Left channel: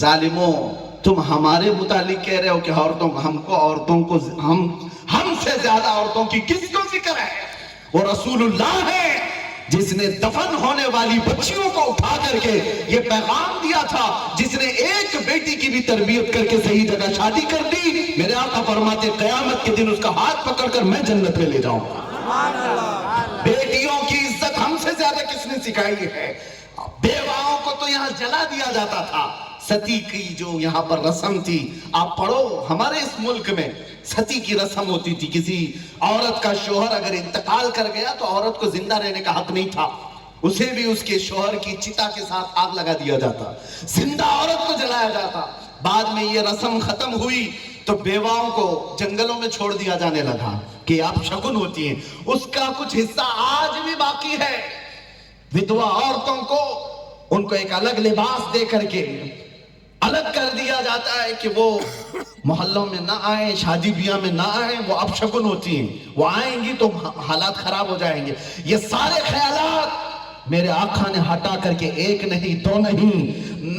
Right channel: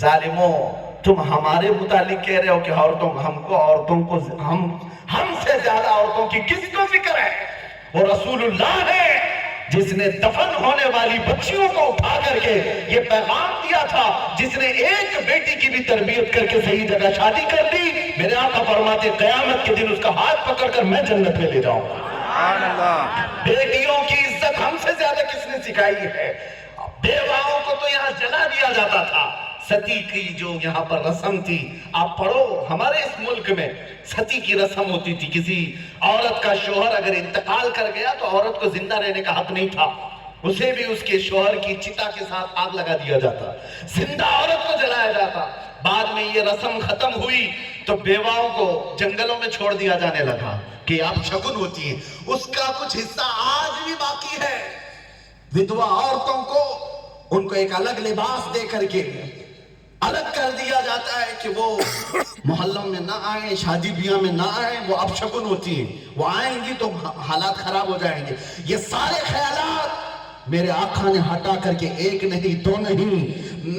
ظالموں تم ہمارے متعلق کہہ رہے ہو کہ عورتوں کو ہم سے زیادہ عورتوں کی کس کو فکر ہے؟ وہ رسول اللہ ہے جس نے دفن ہونے والی بچیوں کو اٹھا کر کے یہ پیغام دیا تھا، جس نے ایک بیٹی کی بھی تربیت کر کے صحیح جگہ شادی کر دی۔ میرے آقا فرماتے قیامت کے دن اس کا ہاتھ پکڑ کر میں جنت میں لے جاؤں گا۔ بیٹیوں کی عزت ہم سے زیادہ کس نے سکھائی ہے؟ بیواؤں کو تو یہاں جلا دیا جاتا تھا۔ ستی کی جو یہاں پر رسم تھی، آپ پڑھو ہمارے اس ملک میں ستی کی رسم ہوتی تھی۔ کسی عورت کا شوہر اگر انتقال کر گیا تو عورت کو زندہ رہنے کا حق نہیں تھا، اسے بھی اس کے شوہر کی چتا کے ساتھ آگ لگا دیا جاتا، زندہ عورت کو جلایا جاتا۔ بعد میں یہ رسم ختم ہوئی تو بیواؤں کو جنگلوں میں چھوڑ دیا جانے لگا کہ آپ شگن ہوتی ہیں، اس کا کچھ حصہ آج بھی باقی ہے۔ ودوا عورتوں کو ان کو ایک الگ لباس دے کر کے الگ کر دیا جاتا ہے کہ وہ محلوں میں نہ آئیں، شادی بیاہ میں نہ آئیں، وہ اب شگن ہوتی ہیں، وہ آئیں گی تو حالات خراب ہو جائیں گے۔ یہ سارے خیالات میرے آقا نے ہٹا کر کے ایک نہیں دو نہیں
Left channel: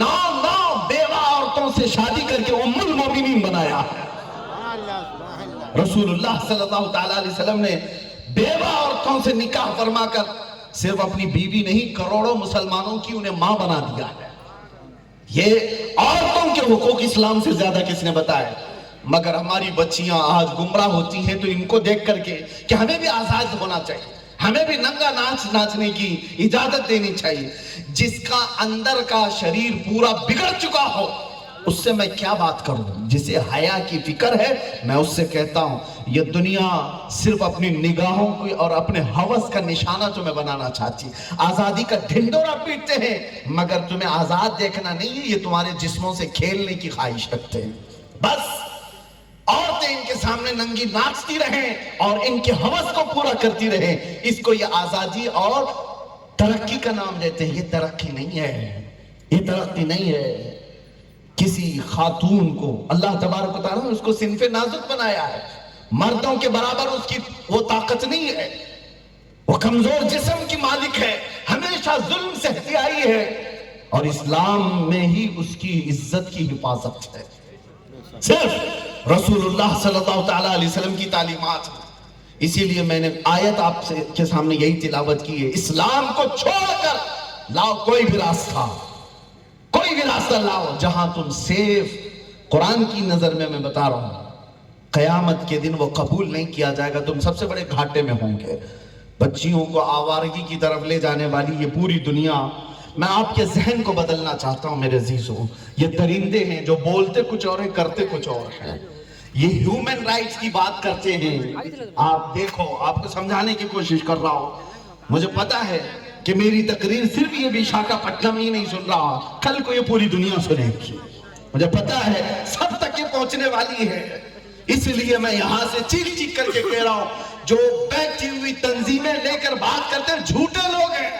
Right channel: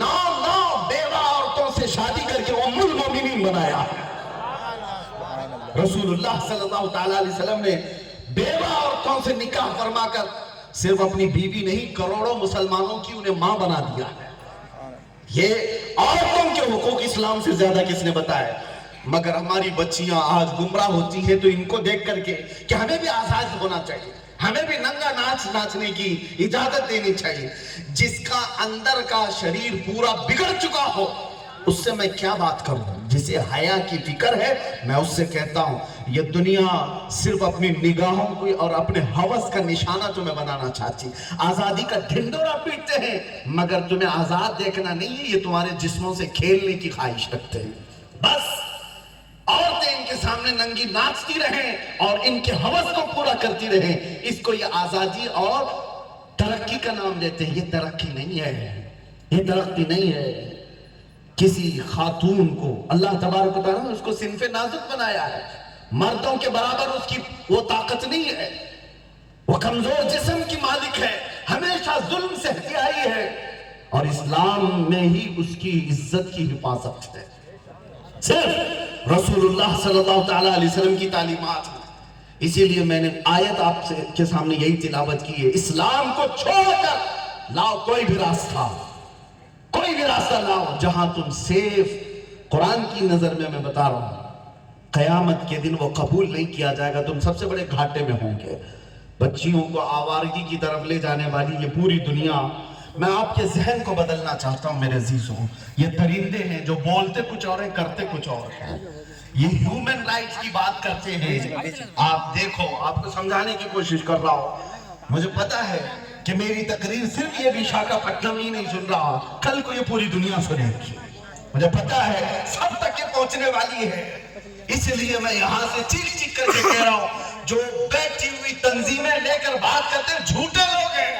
9 بیوہ عورتوں سے شادی کر کے ام المومنین بنایا۔ رسول اللہ صلی اللہ تعالیٰ علیہ وسلم نے بیوہ عورتوں سے نکاح فرما کر صرف اپنی بیوی نہیں کروڑوں مسلمانوں کی انہیں ماں بنا دیا ہے۔ یہ عورتوں کے حقوق اسلام سے زیادہ کس نے بتایا؟ مگر ہماری بچیاں آج گمراہ ہوتی ہیں تو ان کو دیکھ کر کے کہ ہمیں بھی آزاد ہونا چاہیے، ہمیں بھی ننگا ناچ ناچنے کی اجازت دینی چاہیے۔ جس کا اندر کا شریر پورا بگڑ چکا ہو اس سے میں کیا بات کروں؟ جسے حیا کی فکر ہے میں اس سے کہتا ہوں یہ دنیا صرف اپنی نگاہوں کو اور اپنے ہوس کا نشانہ تمہیں بنانا چاہتی، آزادی کا ڈھنڈورا پیٹتے ہیں مگر تمہیں آزاد دیکھنا نہیں ہے، یہ تمہارے جسموں سے کھیلنے کی خواہش رکھتے ہیں۔ بس عورتیں ان کے سامنے ننگی ناچتی رہیں اور ان کے ہوس کو پورا کرتی رہیں، اس کو یہ آزادی اور ترقی کا نام دیتے ہیں۔ یہ ترقی نہیں ہے، یہ ترقی نہیں ہے۔ کسی خاتون کو اللہ تبارک و تعالیٰ نے اس کو صنف نازک بنایا ہے، مردوں کے برابر اس کی وہ طاقت نہیں ہے، وہ کمزور جسم کی مالک ہے، ہمیشہ ظلم سہتی آئی ہے اور اسلام میں ہی اس کی عزت کی حفاظت ہے۔ صرف رسول اللہ صلی اللہ تعالیٰ علیہ وسلم کی تعلیمات ہیں۔ اسی لیے میں نے آیت آپ کے سامنے یہی تلاوت کی ہے، اسلام کو چھوڑ کر لاؤ کوئی بھی راستہ، کوئی بھی راستہ لاؤ جہاں تم سیف۔ قرآن کی نظر میں بتا رہا ہوں قیامت کے دن وہ قبول نہیں کیا جائے گا، تم سب سے بڑے گھاٹے میں ہوں گے۔ بچیوں کو آوارگی کی طرف لے جانے والی یہ پوری دنیا، میں آپ کے ذہن کو بدلنا چاہتا ہوں میرے عزیزوں۔ یہ درندے ہیں جو بولتے کچھ اور ہیں کرتے کچھ اور ہیں، یہ ہیومن رائٹس کی بات کرتے ہیں۔ آپ دیکھو، آپ کو سمجھانے کی کوشش کر رہا ہوں، مجھے پتا ہے کہ میری تقریر صرف یہ وشاکھاپٹنم ہی نہیں سن رہا، کل کو یہ پوری دنیا سنے گی، مجھے پتا ہے سب تک یہ پہنچنے والی ہے۔ اس لیے میں یہاں سے چیخ چیخ کر کے کہہ رہا ہوں، جو بیٹھی ہوئی تنظیمیں لے کر بات کرتے ہیں جھوٹے لوگ ہیں۔